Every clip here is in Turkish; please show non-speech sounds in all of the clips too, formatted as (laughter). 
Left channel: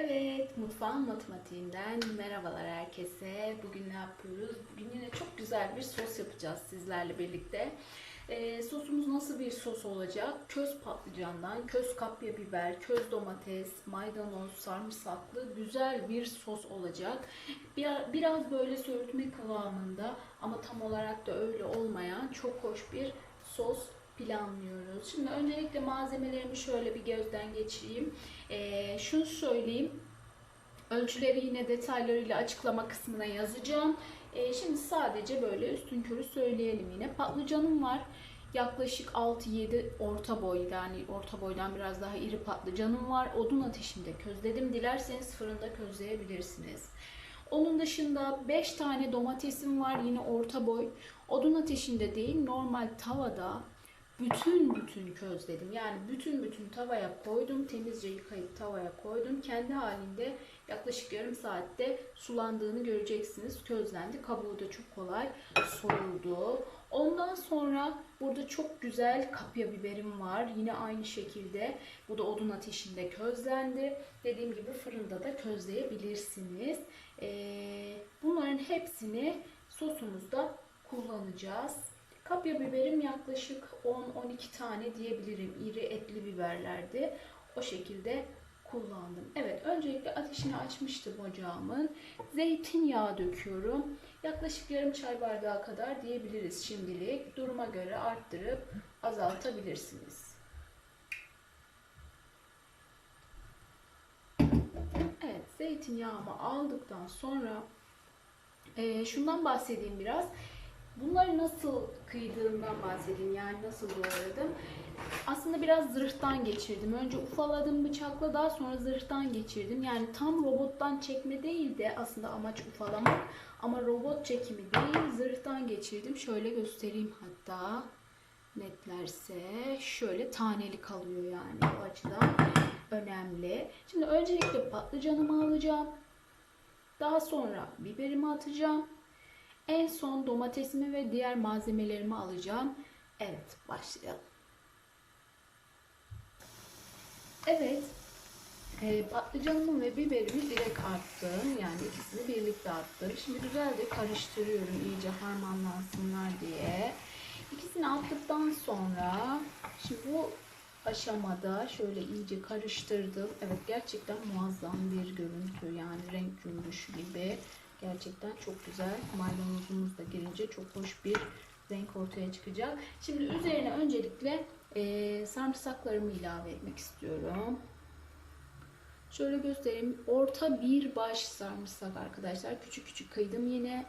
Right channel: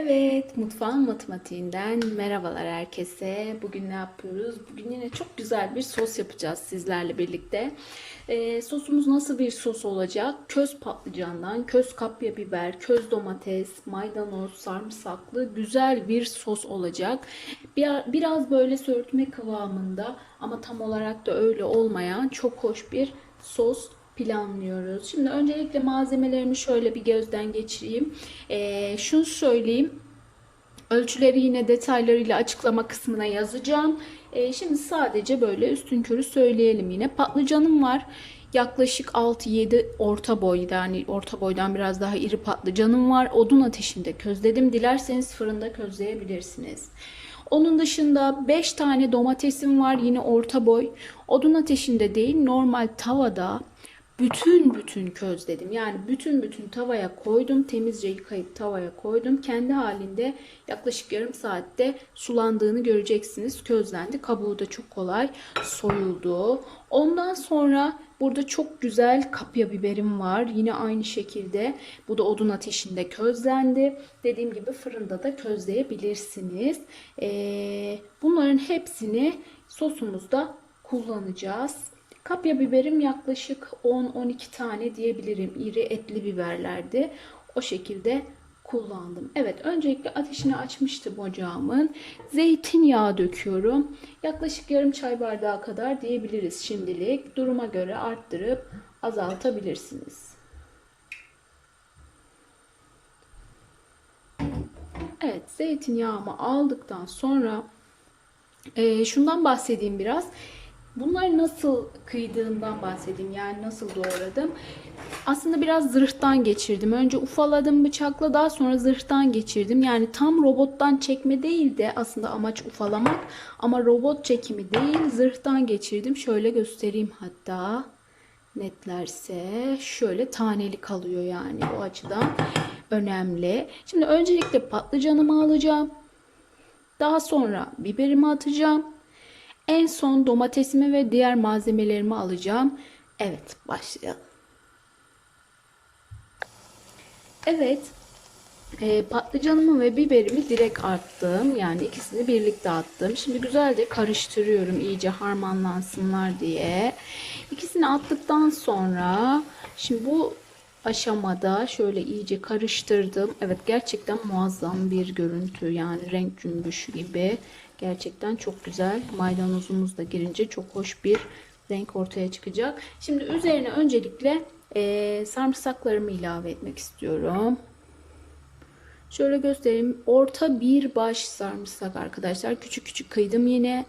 Evet, mutfağın matematiğinden merhabalar herkese. Bugün ne yapıyoruz? Bugün yine çok güzel bir sos yapacağız sizlerle birlikte. Ee, sosumuz nasıl bir sos olacak? Köz patlıcandan, köz kapya biber, köz domates, maydanoz, sarımsaklı güzel bir sos olacak. Bir, biraz böyle söğütme kıvamında ama tam olarak da öyle olmayan çok hoş bir sos planlıyoruz. Şimdi öncelikle malzemelerimi şöyle bir gözden geçireyim. Ee, şunu söyleyeyim. Ölçüleri yine detaylarıyla açıklama kısmına yazacağım. Ee, şimdi sadece böyle üstün körü söyleyelim yine. Patlıcanım var. Yaklaşık 6-7 orta boy yani orta boydan biraz daha iri patlıcanım var. Odun ateşinde közledim. Dilerseniz fırında közleyebilirsiniz. Onun dışında 5 tane domatesim var yine orta boy. Odun ateşinde değil normal tavada bütün bütün közledim. Yani bütün bütün tavaya koydum. Temizce yıkayıp tavaya koydum. Kendi halinde yaklaşık yarım saatte sulandığını göreceksiniz. Közlendi. Kabuğu da çok kolay soyuldu. Ondan sonra burada çok güzel kapya biberim var. Yine aynı şekilde bu da odun ateşinde közlendi. Dediğim gibi fırında da közleyebilirsiniz. Ee, bunların hepsini sosumuzda kullanacağız. Kapya biberim yaklaşık 10-12 tane diyebilirim. İri etli biberlerdi. O şekilde kullandım. Evet öncelikle ateşini açmıştım ocağımın. Zeytinyağı döküyorum. Yaklaşık yarım çay bardağı kadar diyebiliriz şimdilik. Duruma göre arttırıp azaltabilirsiniz. Evet zeytinyağımı aldıktan sonra e, şundan bahsedeyim biraz. Bunları nasıl kıydığımdan bahsedeyim. Yani nasıl doğradım. Aslında biraz zırhtan geçirdim. Önce ufaladım bıçakla daha sonra zırhtan geçirdim. Yani tam robottan çekme değil de aslında amaç ufalamak. Ama robot çekimi değil zırhtan geçirdim. Şöyle göstereyim hatta netlerse şöyle taneli kalıyor yani o açıdan önemli. Şimdi öncelikle patlıcanımı alacağım. Daha sonra biberimi atacağım. En son domatesimi ve diğer malzemelerimi alacağım. Evet başlayalım. Evet e, patlıcanımı ve biberimi direkt attım. Yani ikisini birlikte attım. Şimdi güzelce karıştırıyorum iyice harmanlansınlar diye. İkisini attıktan sonra şimdi bu aşamada şöyle iyice karıştırdım. Evet gerçekten muazzam bir görüntü yani renk cümbüşü gibi. Gerçekten çok güzel. Maydanozumuz da girince çok hoş bir renk ortaya çıkacak. Şimdi üzerine öncelikle e, sarımsaklarımı ilave etmek istiyorum. Şöyle göstereyim. Orta bir baş sarımsak arkadaşlar. Küçük küçük kıydım yine.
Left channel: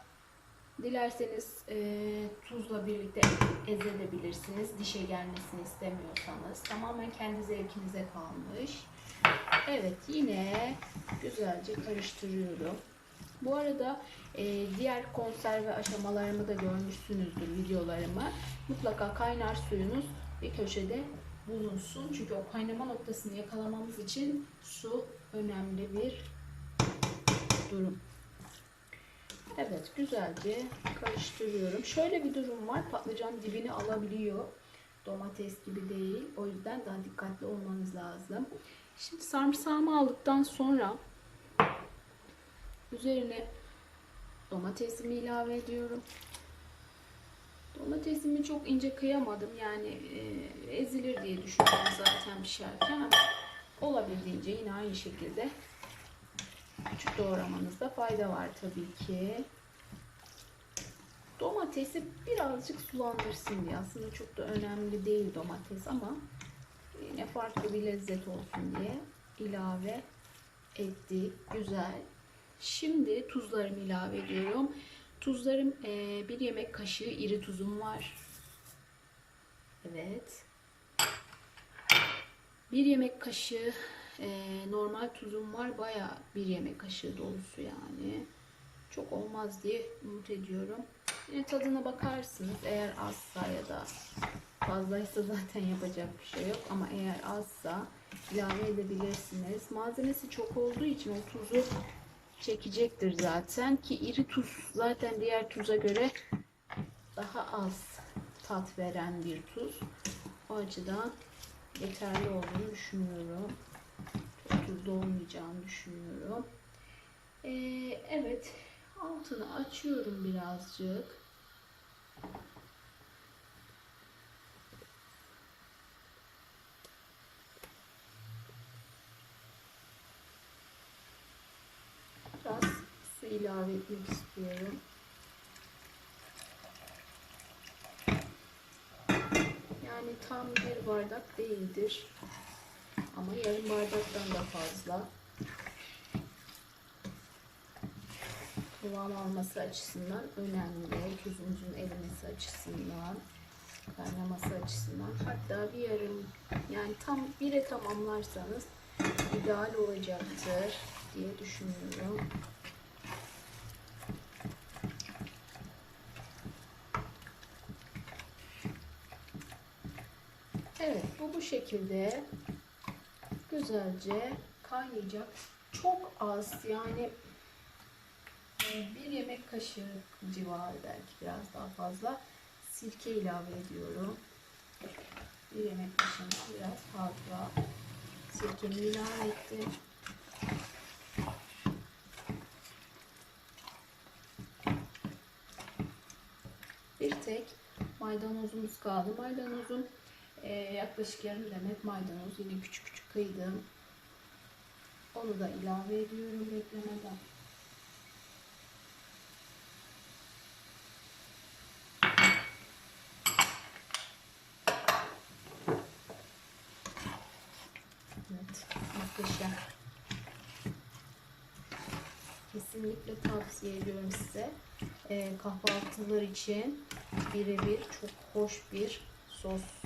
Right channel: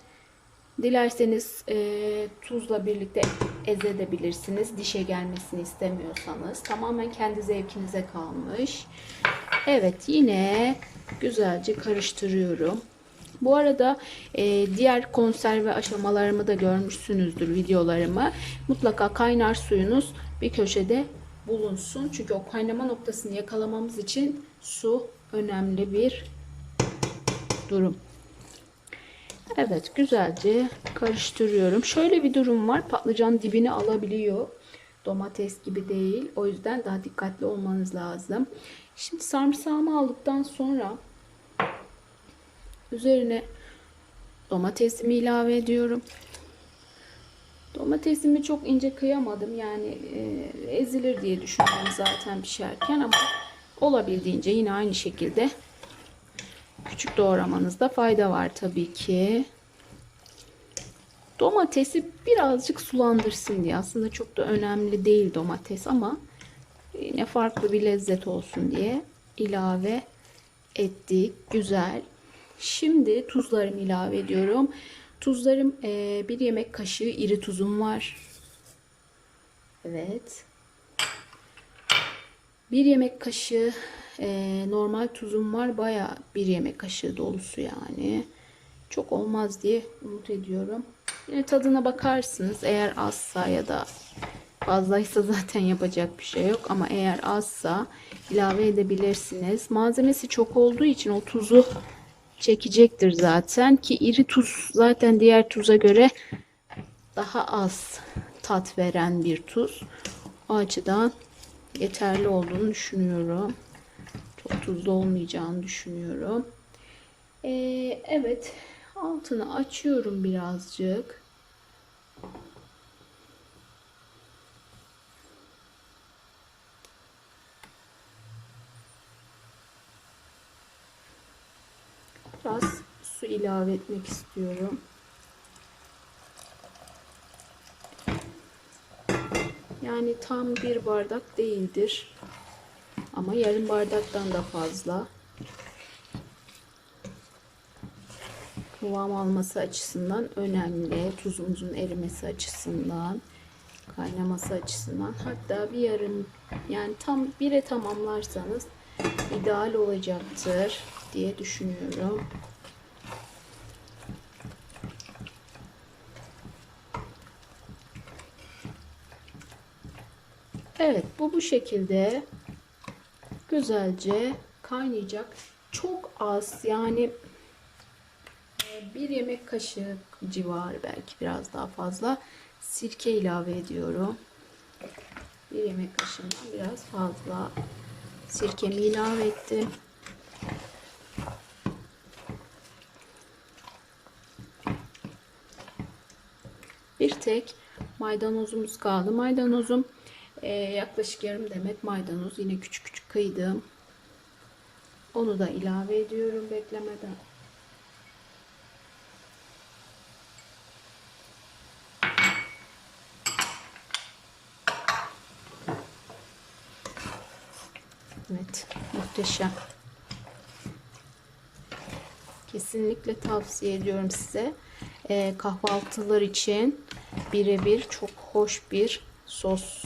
Dilerseniz e, tuzla birlikte ezebilirsiniz. Dişe gelmesini istemiyorsanız. Tamamen kendi zevkinize kalmış. Evet yine güzelce karıştırıyorum. Bu arada e, diğer konserve aşamalarımı da görmüşsünüzdür videolarımı. Mutlaka kaynar suyunuz bir köşede bulunsun. Çünkü o kaynama noktasını yakalamamız için su önemli bir durum. Evet güzelce karıştırıyorum. Şöyle bir durum var. Patlıcan dibini alabiliyor. Domates gibi değil. O yüzden daha dikkatli olmanız lazım. Şimdi sarımsağımı aldıktan sonra üzerine domatesimi ilave ediyorum. Domatesimi çok ince kıyamadım. Yani e, ezilir diye düşündüm zaten pişerken ama olabildiğince yine aynı şekilde küçük doğramanızda fayda var tabii ki. Domatesi birazcık sulandırsın diye. Aslında çok da önemli değil domates ama yine farklı bir lezzet olsun diye ilave ettik. Güzel. Şimdi tuzlarımı ilave ediyorum. Tuzlarım e, bir yemek kaşığı iri tuzum var. Evet. Bir yemek kaşığı e, normal tuzum var. Baya bir yemek kaşığı dolusu yani. Çok olmaz diye umut ediyorum. Yine tadına bakarsınız. Eğer azsa ya da fazlaysa (laughs) zaten yapacak bir şey yok. Ama eğer azsa ilave edebilirsiniz. Malzemesi çok olduğu için o tuzu çekecektir zaten ki iri tuz zaten diğer tuza göre daha az tat veren bir tuz. O açıdan yeterli olduğunu düşünüyorum. Çok tuzlu olmayacağını düşünüyorum. Ee, evet altını açıyorum birazcık. Biraz su ilave etmek istiyorum. Yani tam bir bardak değildir. Ama yarım bardaktan da fazla. Kıvam alması açısından önemli. Tuzumuzun erimesi açısından, kaynaması açısından. Hatta bir yarım yani tam bire tamamlarsanız ideal olacaktır diye düşünüyorum. Evet bu bu şekilde güzelce kaynayacak. Çok az yani e, bir yemek kaşığı civarı belki biraz daha fazla sirke ilave ediyorum. Bir yemek kaşığından biraz fazla sirkemi ilave ettim. Bir tek maydanozumuz kaldı. Maydanozum ee, yaklaşık yarım demet maydanoz yine küçük küçük kıydım. Onu da ilave ediyorum beklemeden. Evet, muhteşem. Kesinlikle tavsiye ediyorum size. Ee, kahvaltılar için birebir çok hoş bir sos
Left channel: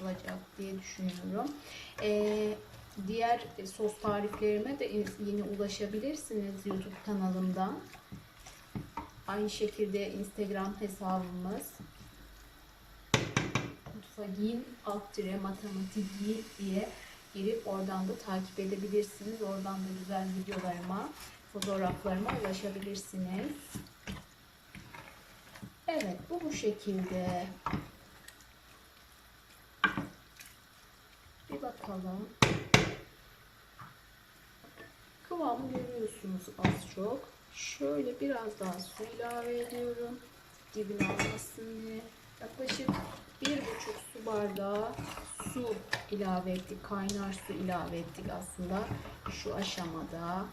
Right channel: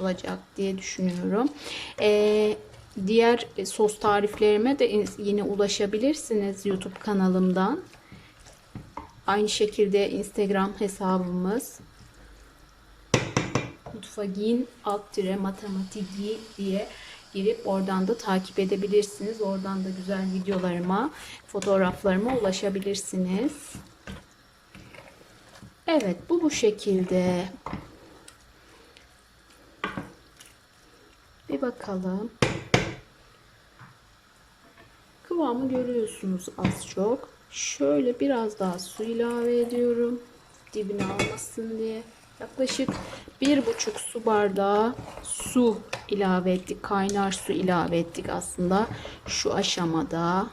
olacak diye düşünüyorum. Ee, diğer sos tariflerime de yine ulaşabilirsiniz YouTube kanalımdan. Aynı şekilde Instagram hesabımız mutfagin alt tire matematiki diye girip oradan da takip edebilirsiniz. Oradan da güzel videolarıma, fotoğraflarıma ulaşabilirsiniz. Evet bu bu şekilde. Bir bakalım. Kıvamı görüyorsunuz az çok. Şöyle biraz daha su ilave ediyorum. Dibine almasın diye. Yaklaşık bir buçuk su bardağı su ilave ettik. Kaynar su ilave ettik aslında şu aşamada.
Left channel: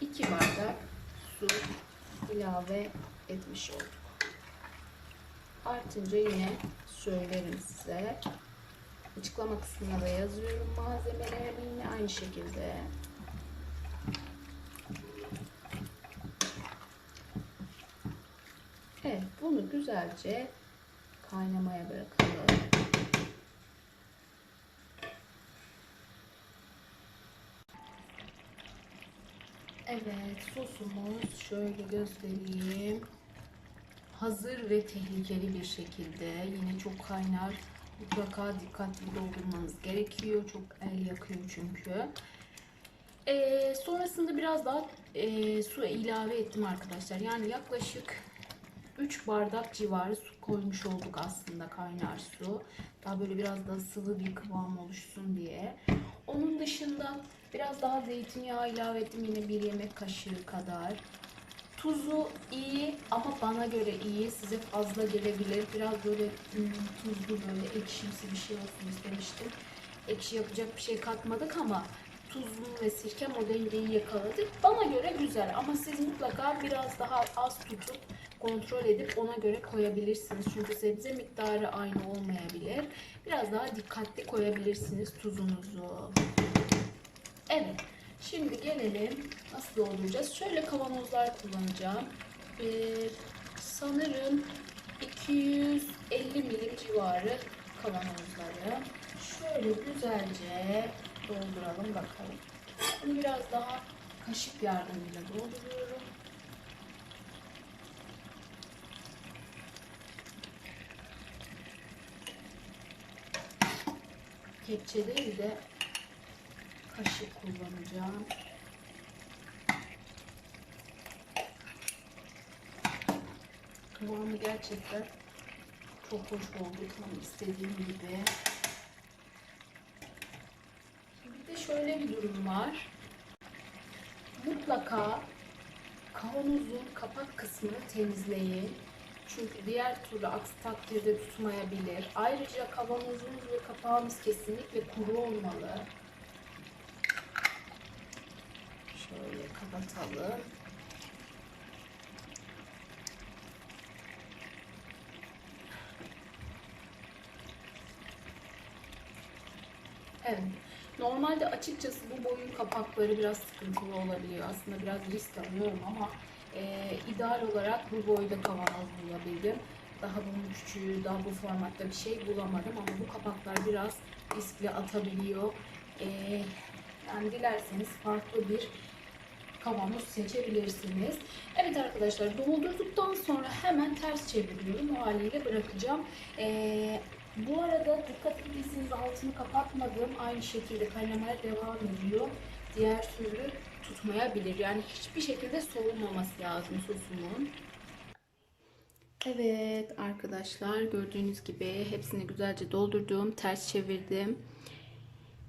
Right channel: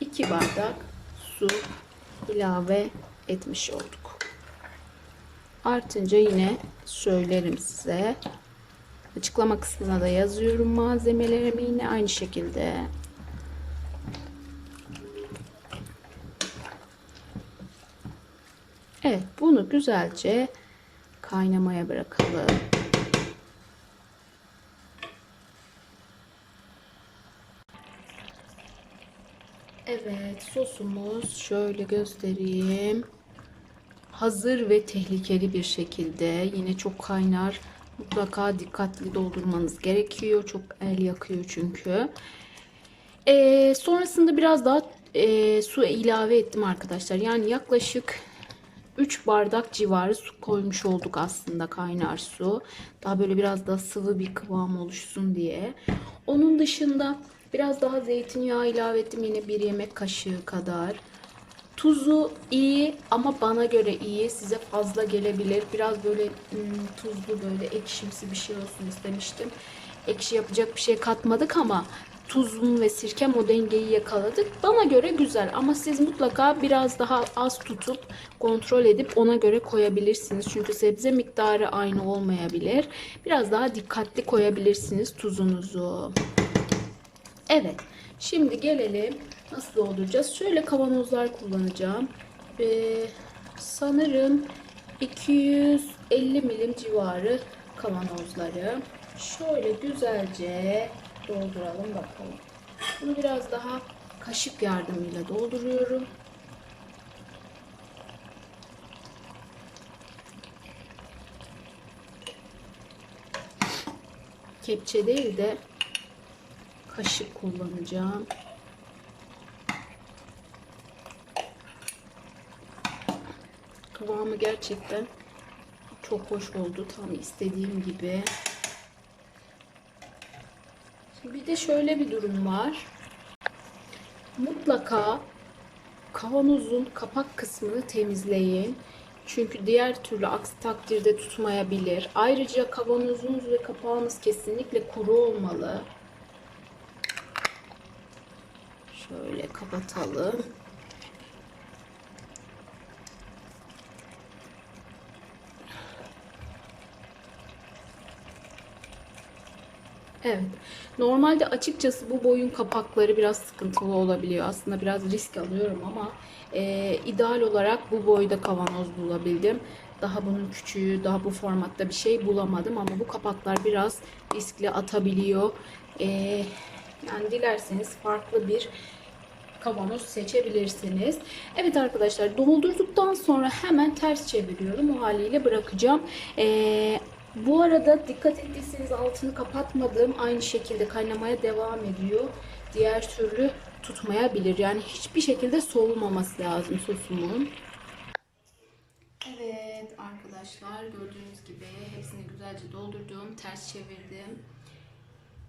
iki bardak su ilave etmiş olduk. Artınca yine söylerim size. Açıklama kısmına da yazıyorum malzemelerimi yine aynı şekilde. Evet bunu güzelce kaynamaya bırakalım. Evet sosumuz şöyle göstereyim. Hazır ve tehlikeli bir şekilde yine çok kaynar. Mutlaka dikkatli doldurmanız gerekiyor. Çok el yakıyor çünkü. Ee, sonrasında biraz daha e, su ilave ettim arkadaşlar. Yani yaklaşık 3 bardak civarı su koymuş olduk aslında kaynar su. Daha böyle biraz daha sıvı bir kıvam oluşsun diye. Onun dışında Biraz daha zeytinyağı ilave ettim yine bir yemek kaşığı kadar. Tuzu iyi ama bana göre iyi. Size fazla gelebilir. Biraz böyle hmm, tuzlu böyle ekşimsi bir şey olsun istemiştim. Ekşi yapacak bir şey katmadık ama tuzum ve sirkem o dengeyi yakaladık. Bana göre güzel ama siz mutlaka biraz daha az tutup kontrol edip ona göre koyabilirsiniz. Çünkü sebze miktarı aynı olmayabilir. Biraz daha dikkatli koyabilirsiniz tuzunuzu. Evet. Şimdi gelelim nasıl dolduracağız. Şöyle kavanozlar kullanacağım. Ee, sanırım 250 milim civarı kavanozları. Şöyle güzelce dolduralım bakalım. Bunu biraz daha kaşık yardımıyla dolduruyorum. Kepçe değil de kaşık kullanacağım. Kıvamı gerçekten çok hoş oldu. Tam istediğim gibi. Şimdi bir de şöyle bir durum var. Mutlaka kavanozun kapak kısmını temizleyin. Çünkü diğer türlü aksi takdirde tutmayabilir. Ayrıca kavanozunuz ve kapağınız kesinlikle kuru olmalı. Şöyle kapatalım. Evet. Normalde açıkçası bu boyun kapakları biraz sıkıntılı olabiliyor. Aslında biraz risk alıyorum ama e, ideal olarak bu boyda kavanoz bulabildim. Daha bunun küçüğü, daha bu formatta bir şey bulamadım ama bu kapaklar biraz riskli atabiliyor. E, yani dilerseniz farklı bir kavanoz seçebilirsiniz. Evet arkadaşlar doldurduktan sonra hemen ters çeviriyorum. O haliyle bırakacağım. Ee, bu arada dikkat ettiyseniz altını kapatmadım. Aynı şekilde kaynamaya devam ediyor. Diğer türlü tutmayabilir. Yani hiçbir şekilde soğumaması lazım sosumun. Evet arkadaşlar gördüğünüz gibi hepsini güzelce doldurdum. Ters çevirdim.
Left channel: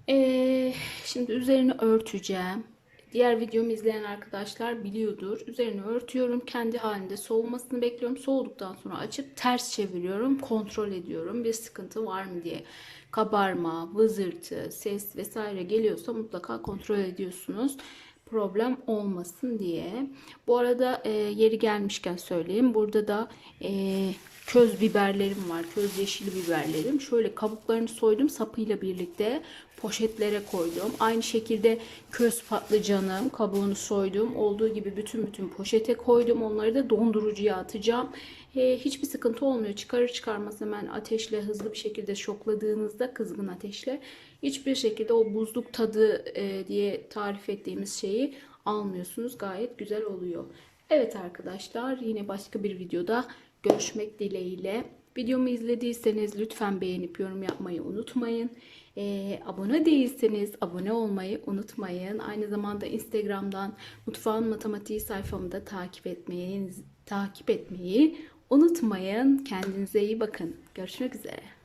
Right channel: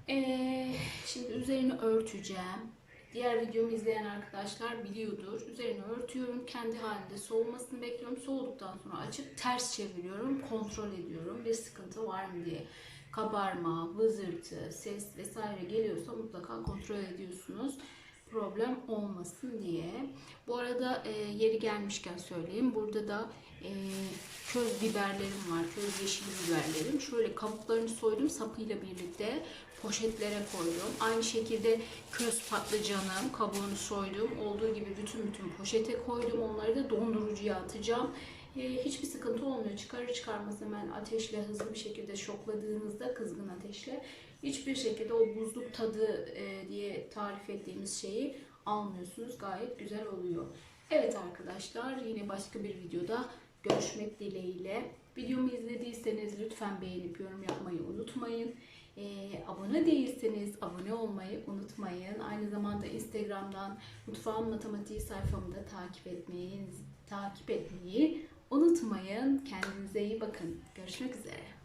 Ee, şimdi üzerini örteceğim. Diğer videomu izleyen arkadaşlar biliyordur. Üzerini örtüyorum. Kendi halinde soğumasını bekliyorum. Soğuduktan sonra açıp ters çeviriyorum. Kontrol ediyorum. Bir sıkıntı var mı diye. Kabarma, vızırtı, ses vesaire geliyorsa mutlaka kontrol ediyorsunuz. Problem olmasın diye. Bu arada e, yeri gelmişken söyleyeyim. Burada da e, köz biberlerim var. Köz yeşil biberlerim. Şöyle kabuklarını soydum sapıyla birlikte poşetlere koydum. Aynı şekilde köz patlıcanım kabuğunu soydum. Olduğu gibi bütün bütün poşete koydum. Onları da dondurucuya atacağım. E, hiçbir sıkıntı olmuyor. Çıkarır çıkarmaz hemen ateşle hızlı bir şekilde şokladığınızda kızgın ateşle hiçbir şekilde o buzluk tadı e, diye tarif ettiğimiz şeyi almıyorsunuz. Gayet güzel oluyor. Evet arkadaşlar yine başka bir videoda görüşmek dileğiyle. Videomu izlediyseniz lütfen beğenip yorum yapmayı unutmayın. Ee, abone değilseniz abone olmayı unutmayın. Aynı zamanda Instagram'dan Mutfağın Matematiği sayfamı da takip etmeyi, takip etmeyi unutmayın. Kendinize iyi bakın. Görüşmek üzere.